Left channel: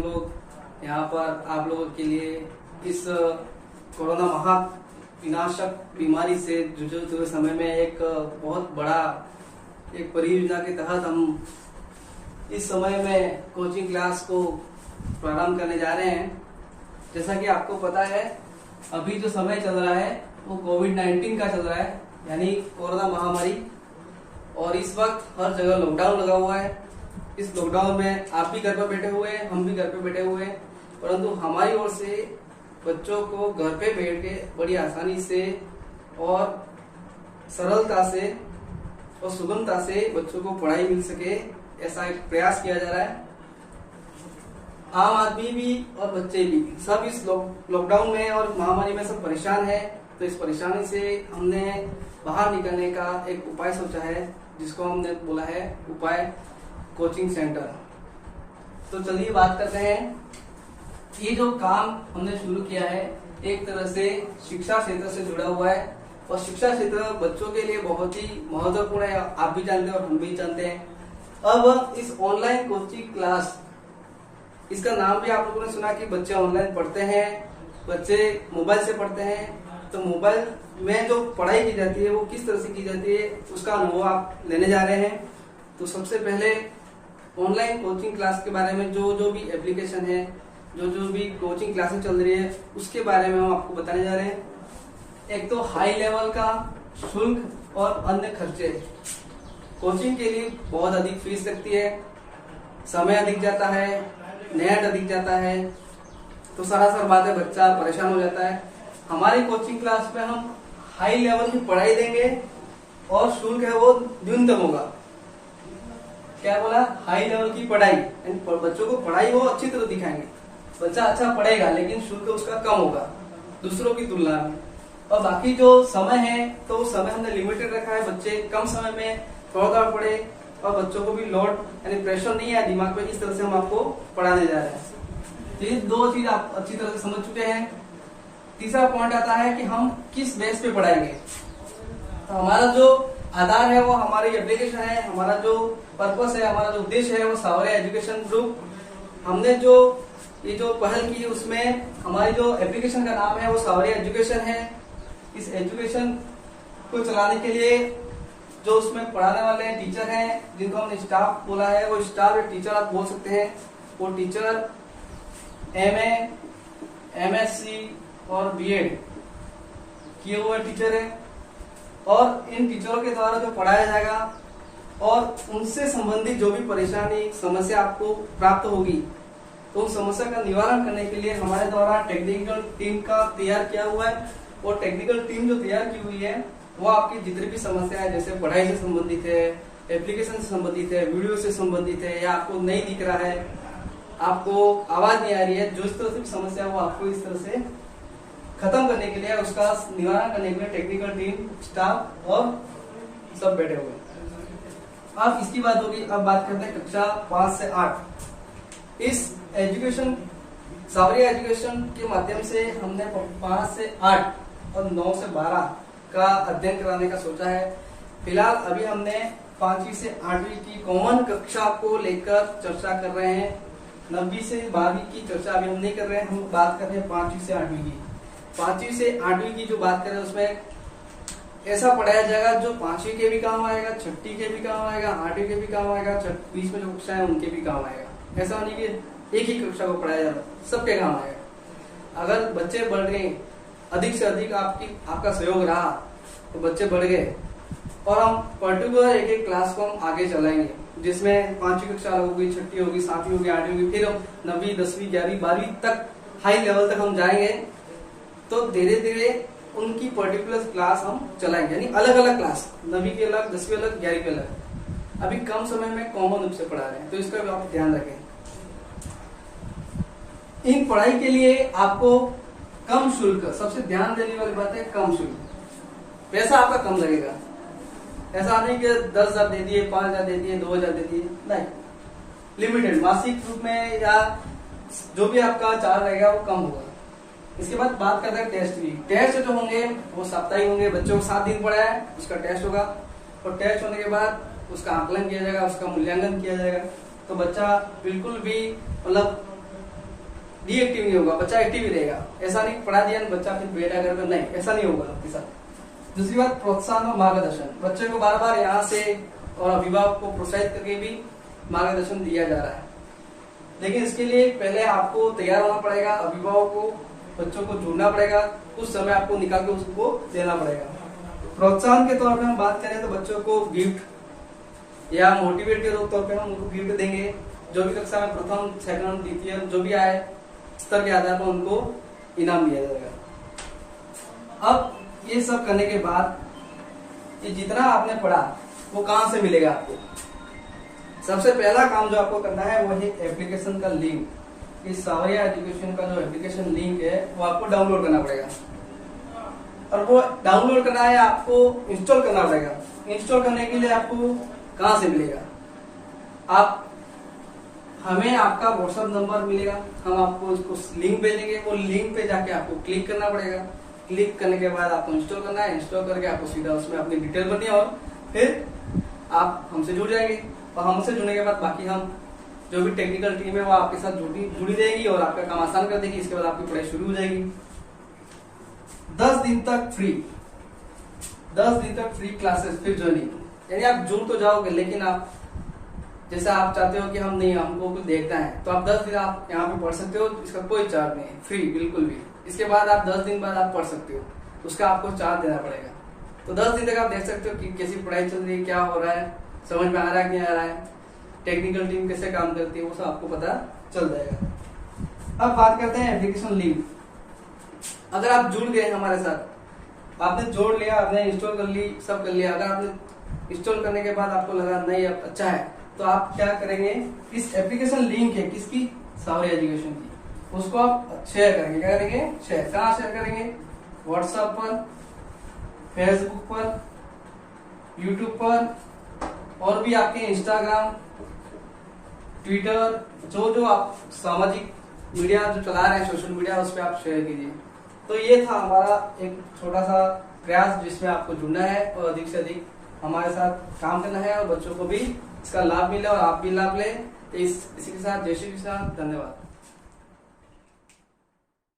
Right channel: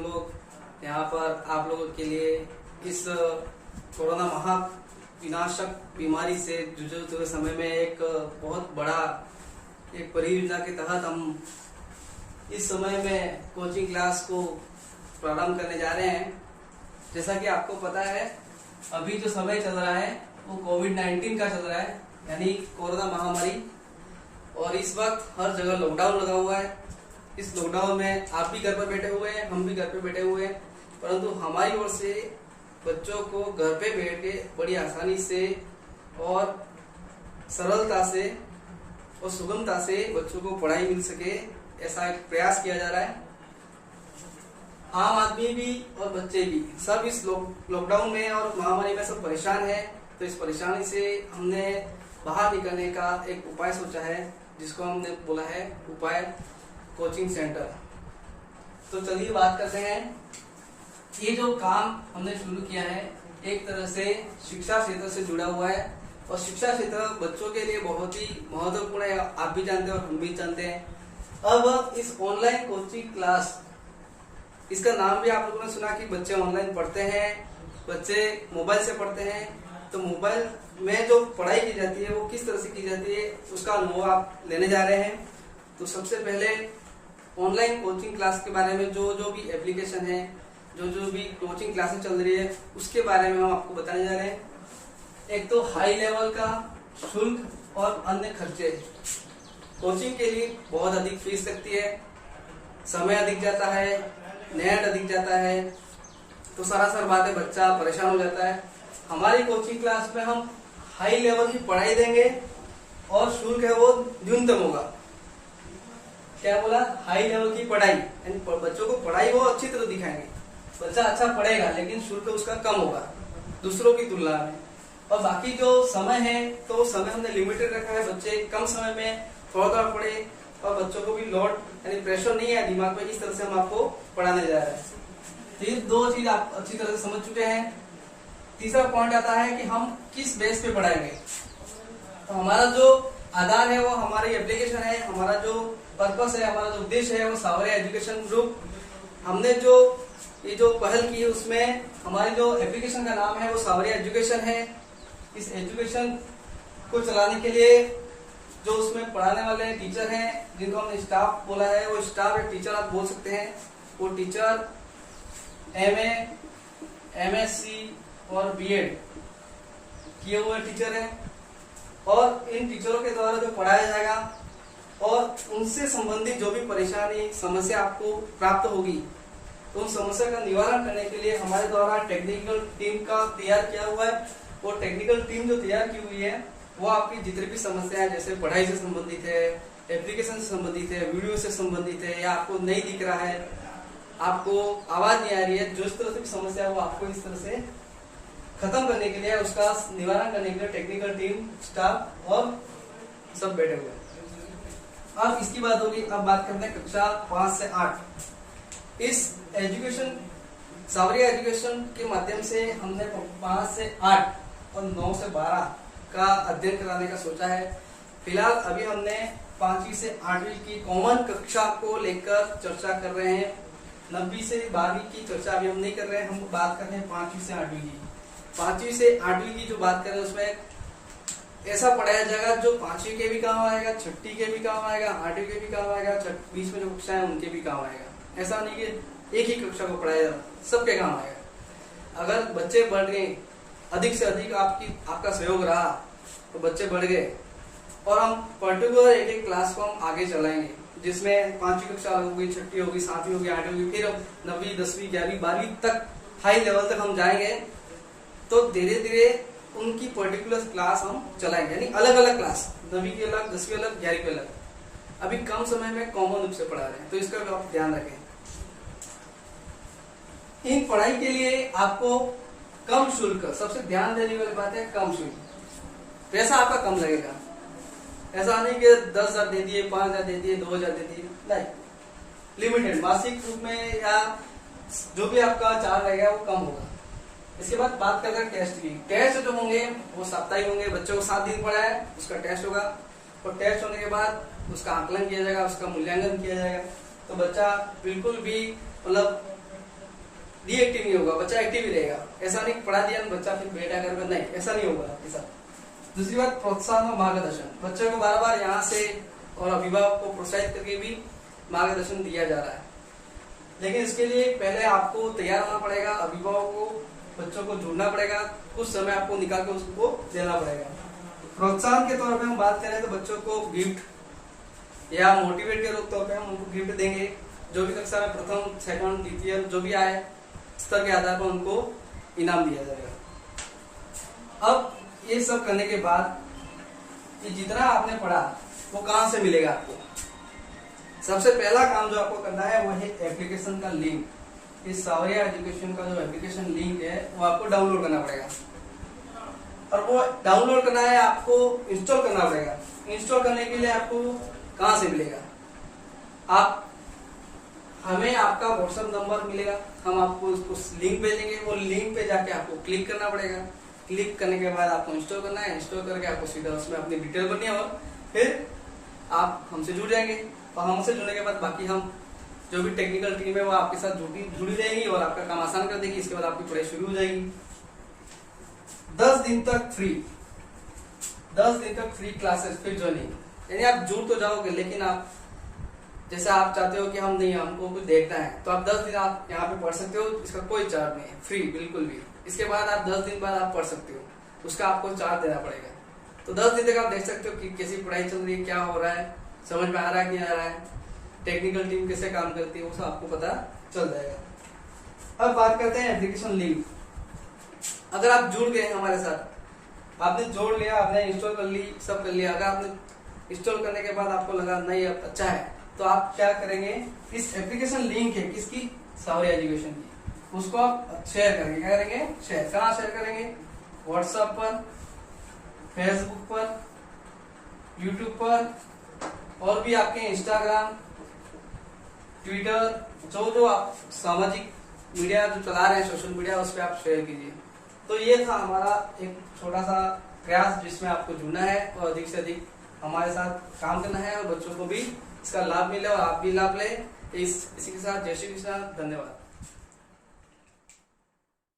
हम लोग यहाँ पर आप लोगों के लिए इस कोरोना महाविनाशक बीमारी से जूझते हुए समय में एक बहुत बड़ा एक परियोजना के तहत हम इस समय में कोचिंग क्लास को प्रारंभ करने जा रहे हैं। जैसा कि आपको पता है, अभी जो समय चल रहा है वो कोविड-19 का चल रहा है, यानी कोरोना महामारी। और इस वक्त हर जगह लॉकडाउन लगा हुआ है। इस लॉकडाउन में आप भी घर पर बैठे हुए हैं, हम भी घर पे बैठे हुए हैं, परंतु हमारी ओर से बच्चों को घर पे बैठ के बड़ी आसानी से और सरलता से और सुगमता से बच्चों को पढ़ाई मिल सके, ऐसा एक प्रयास किया जा रहा है। आम आदमी भी और बच्चे भी सब इस लॉकडाउन में और महामारी में सब परेशान है। तो इस परेशानी से हमने बाहर निकलने का एक उपाय सोचा है, जिसको हमने बोला है उपाय कोचिंग सेंटर। तो चलिए बात करते हैं। ये जो काम हमने शुरू किया है एक तरह से शिक्षा क्षेत्र से जुड़ा हुआ है, और शिक्षा क्षेत्र बच्चों के लिए बहुत ही महत्वपूर्ण है। आप भी जानते हैं और हम भी जानते हैं। अब इस ऑनलाइन कोचिंग क्लास, इसका नाम भी आप लोगों ने सुना कि बच्चे ऑनलाइन पढ़ते हैं, बच्चे मोबाइल से पढ़ते हैं। तो मोबाइल में जो पढ़ाई की जाती है वो किस तरह से की जाती है, उसका अनुभव आप लेने जा रहे हैं। तो सबसे पहले ऑनलाइन कोचिंग क्लास के बारे में जो भी एप्लीकेशन है, जो भी कोचिंग क्लासेस चल रही है, उसके बारे में हम आपको बताने जा रहे हैं। एक तो हाई लेवल का शुल्क और अन्य खर्चे। कोचिंग के लिए बहुत अधिक फीस लगती है, समय अधिक जाता है, नेट अधिक जाता है, तो सरासर बात है बच्चा परेशान हो जाता है। हमारी कोचिंग क्लास में हम हाई लेवल की पढ़ाई देंगे और शुल्क है वो न्यूनतम होगा। क्या बोला? हाई लेवल की पढ़ाई, बच्चों को पढ़ाई वो अच्छी तरह दिखाएंगे, बच्चा अच्छा पढ़ेगा, लेकिन शुल्क उसका कम होगा दूसरों की तुलना में। और बाकी जो समय है, तो समय हमने लिमिटेड रखा है। बच्चे कम समय में थोड़ा पढ़े और बच्चों को भी लोड यानी प्रेशर नहीं है दिमाग पे, इस तरह से हम आपको पढ़ाने जा रहे हैं। ये दो चीज आप अच्छी तरह से समझ चुके हैं। तीसरा पॉइंट आता है कि हम किस बेस पे पढ़ाएंगे। तो हमारा जो आधार है वो हमारी एप्लीकेशन है, हमारा जो पर्पस है, हमारा जो उद्देश्य है वो सावरिया एजुकेशन ग्रुप। हमने ये जो पहल की उसमें हमारी जो एप्लीकेशन का नाम है वो सावरिया एजुकेशन है। इस एजुकेशन को चलाने के लिए जो उसमें पढ़ाने वाले टीचर हैं, जिनको हमने स्टाफ बोला है, वो स्टाफ या टीचर आप बोल सकते हैं। वो टीचर MA, MSc और BEd किए हुए टीचर हैं। और इन टीचरों के द्वारा जो पढ़ाया जाएगा और उनसे संबंधित जो भी परेशानी समस्या आपको प्राप्त होगी, तो उन समस्या का निवारण करने के लिए हमारे द्वारा टेक्निकल टीम का तैयार किया हुआ है। वो टेक्निकल टीम जो तैयार की हुई है वो आपकी जितनी भी समस्या है, जैसे पढ़ाई से संबंधित है, एप्लीकेशन से संबंधित है, वीडियो से संबंधित है, या आपको नहीं दिख रहा है, आपको आवाज नहीं आ रही है, जो इस तरह से समस्या है वो आपको इस तरह से खत्म करने के लिए, उसका निवारण करने के लिए टेक्निकल टीम, स्टाफ और सब बैठे हुए हैं। अब इसकी बात होगी। अब बात करते हैं कक्षा 5 से 8। इस एजुकेशन सावरिया एजुकेशन के माध्यम से हमने 5 से 8 और 9 से 12 का अध्ययन कराने का सोचा है। फिलहाल अभी हमने 5वीं से 8वीं की कॉमन कक्षा को लेकर चर्चा कर रहे हैं। 9वीं से 12वीं की चर्चा अभी हम नहीं कर रहे हैं, हम बात कर रहे हैं 5वीं से 8वीं की। 5वीं से 8वीं की जो बात कर रहे हैं उसमें ऐसा पढ़ाया जाएगा जो 5वीं के भी काम आएगा, 6वीं के भी काम आएगा, 8वीं के भी काम आएगा, बीच में जो कक्षाएं उनके भी काम आएगा। ऐसा नहीं कि एक ही कक्षा को पढ़ाया जाए, सबके काम आएगा। अगर बच्चे बढ़ गए, अधिक से अधिक आपका सहयोग रहा तो बच्चे बढ़ गए, और हम पर्टिकुलर एक क्लास को हम आगे चलाएंगे, जिसमें 5वीं कक्षा होगी, 6वीं होगी, 7वीं होगी, 8वीं होगी, फिर 9वीं, 10वीं, 11वीं, 12वीं तक हाई लेवल तक हम जाएंगे। तो धीरे धीरे उनकी पर्टिकुलर क्लास हम चलाएंगे, यानी अलग अलग क्लास, 9वीं की अलग, 10वीं अलग, 11वीं की अलग। अभी कम समय में कॉमन रूप से पढ़ा रहे हैं, तो इसका भी आप ध्यान रखें। इन पढ़ाई के लिए आपको कम शुल्क, सबसे ध्यान देने वाली बात है कम शुल्क। पैसा आपका कम लगेगा। ऐसा नहीं कि 10,000 दे दिए, 5,000 दे दिए, 2,000 दे दिए, नहीं। लिमिटेड मासिक रूप में या जो भी आपका चार्ज रहेगा वो कम होगा। इसके बाद बात करते हैं टेस्ट की। टेस्ट जो होंगे वो साप्ताहिक होंगे। बच्चों को 7 दिन पढ़ा है, उसका टेस्ट होगा, और टेस्ट होने के बाद उसका आकलन किया जाएगा, उसका मूल्यांकन किया जाएगा। तो बच्चा बिल्कुल भी मतलब डीएक्टिव नहीं होगा, बच्चा एक्टिव ही रहेगा। ऐसा नहीं पढ़ा दिया बच्चा फिर बैठा घर में, नहीं, ऐसा नहीं होगा आपके साथ। दूसरी बात, प्रोत्साहन और मार्गदर्शन। बच्चे को बार बार यहाँ से और अभिभावक को प्रोत्साहित करके भी मार्गदर्शन दिया जा रहा है, लेकिन इसके लिए पहले आपको तैयार होना पड़ेगा, अभिभावक को बच्चों को जोड़ना पड़ेगा, कुछ समय आपको निकाल के उसको देना पड़ेगा। प्रोत्साहन के तौर पे हम बात करें तो बच्चों को गिफ्ट या मोटिवेट के तौर पे हम उनको गिफ्ट देंगे। जो भी कक्षा में प्रथम, सेकंड, द्वितीय जो भी आए स्तर के आधार पर उनको इनाम दिया जाएगा। अब ये सब करने के बाद ये जितना आपने पढ़ा वो कहाँ से मिलेगा आपको? सबसे पहला काम जो आपको करना है वो है एप्लीकेशन का लिंक। इस सावरिया एजुकेशन का जो एप्लीकेशन लिंक है वो आपको डाउनलोड करना पड़ेगा, और वो डाउनलोड करना है आपको इंस्टॉल करना पड़ेगा। इंस्टॉल करने के लिए आपको कहाँ से मिलेगा? आप हमें आपका व्हाट्सएप नंबर मिलेगा, हम आपको उसको लिंक भेजेंगे, वो लिंक पे जाके आपको क्लिक करना पड़ेगा। क्लिक करने के बाद आपको इंस्टॉल करना है, इंस्टॉल करके आपको सीधा उसमें अपनी डिटेल भरनी है और फिर आप हमसे जुड़ जाएंगे। और हमसे जुड़ने के बाद बाकी हम जो भी टेक्निकल टीम है वो आपके साथ जुड़ी रहेगी और आपका काम आसान कर देगी। इसके बाद आपकी पढ़ाई शुरू हो जाएगी। 10 दिन तक फ्री, 10 दिन तक फ्री क्लासेस, फिर ज्वाइनिंग। यानी आप जुड़ तो जाओगे, लेकिन आप जैसा आप चाहते हो कि हम नहीं, हमको कुछ देखना है, तो आप 10 दिन आप यहाँ पे पढ़ सकते हो। इसका कोई चार्ज नहीं है, फ्री बिल्कुल भी। इसके बाद आप 10 दिन बाद आप पढ़ सकते हो, उसका आपको चार्ज देना पड़ेगा। तो 10 दिन तक आप देख सकते हो कि कैसी पढ़ाई चल रही है, क्या हो रहा है, समझ में आ रहा है कि नहीं आ रहा है, टेक्निकल टीम कैसे काम करती है, वो सब आपको पता चल जाएगा। अब बात करते हैं एप्लीकेशन लिंक। अगर आप जुड़ गए हमारे साथ, आपने जोड़ लिया, आपने इंस्टॉल कर ली, सब कर लिया, अगर आपने इंस्टॉल करने के बाद आपको लगा नहीं अब अच्छा है, तो आप क्या करेंगे, इस एप्लीकेशन लिंक है किसकी, सावरिया एजुकेशन की, उसको आप शेयर करेंगे। क्या करेंगे? शेयर। कहाँ शेयर करेंगे? व्हाट्सएप पर, फेसबुक पर, यूट्यूब पर, और भी आपके इंस्टाग्राम, ट्विटर, जो आप सामाजिक मीडिया जो चला रहे हैं, सोशल मीडिया, उस पर आप शेयर कीजिए। तो ये था हमारा एक छोटा सा प्रयास, जिसमें आपको जुड़ना है और अधिक से अधिक हमारे साथ काम करना है और बच्चों को भी इसका लाभ मिले और आप भी लाभ लें। इसी के साथ जय श्री कृष्ण, धन्यवाद।